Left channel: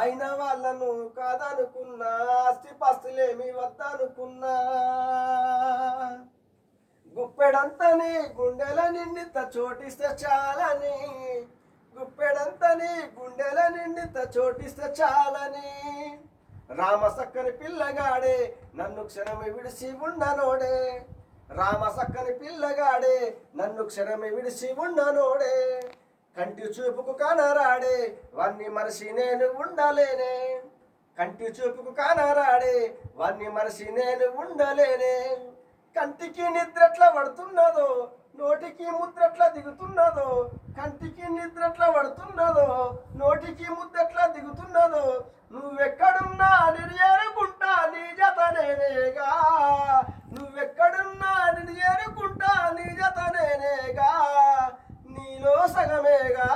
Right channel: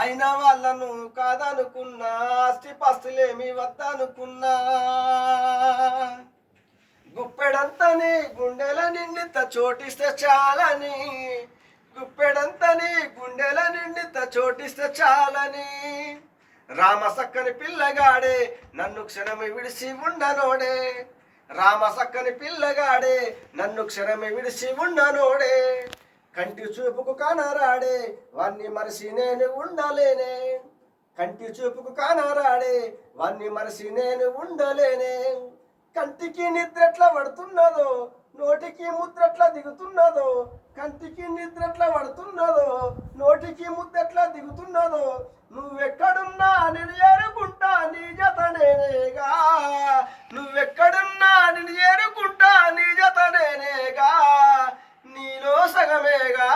అయిన వాళ్ళను కాదనుకున్నా, ఆస్తి పస్తులేమి వద్దనుకున్నా, గుప్పెడంతని గుండెల నిండిత చోటిస్తే చాలని, గుప్పెడంతని గుండెల నిండిత చోటిస్తే చాలని, రామ సక్కని పిల్లగాడే నన్ను క్షణమి విడిసి ఉండనోడే, రామ సక్కని పిల్లగాడే నన్ను క్షణమి విడిసి ఉండనోడే, కంటి చూపుకు కానరాడే వాణ్ణి మరసి నేను ఉండలేనే, కంటి చూపుకు కానరాడే వాణ్ణి మరసి నేను ఉండలేనే, కంటికి నిద్రట్లా పడుతున్నదో నోటికి ముద్రట్లా దిగుతున్నదో, కంటికి నిద్రట్లా పడుతున్నదో నోటికి ముద్రట్లా దిగుతున్నదో, నువ్వెక్కడున్నా నేను ఏరుకుంటా నీ జతనేనేగా, నువ్వెక్కడున్నా నేను ఏరుకుంటా నీ జతనేనేగా, నీలో సగమేగా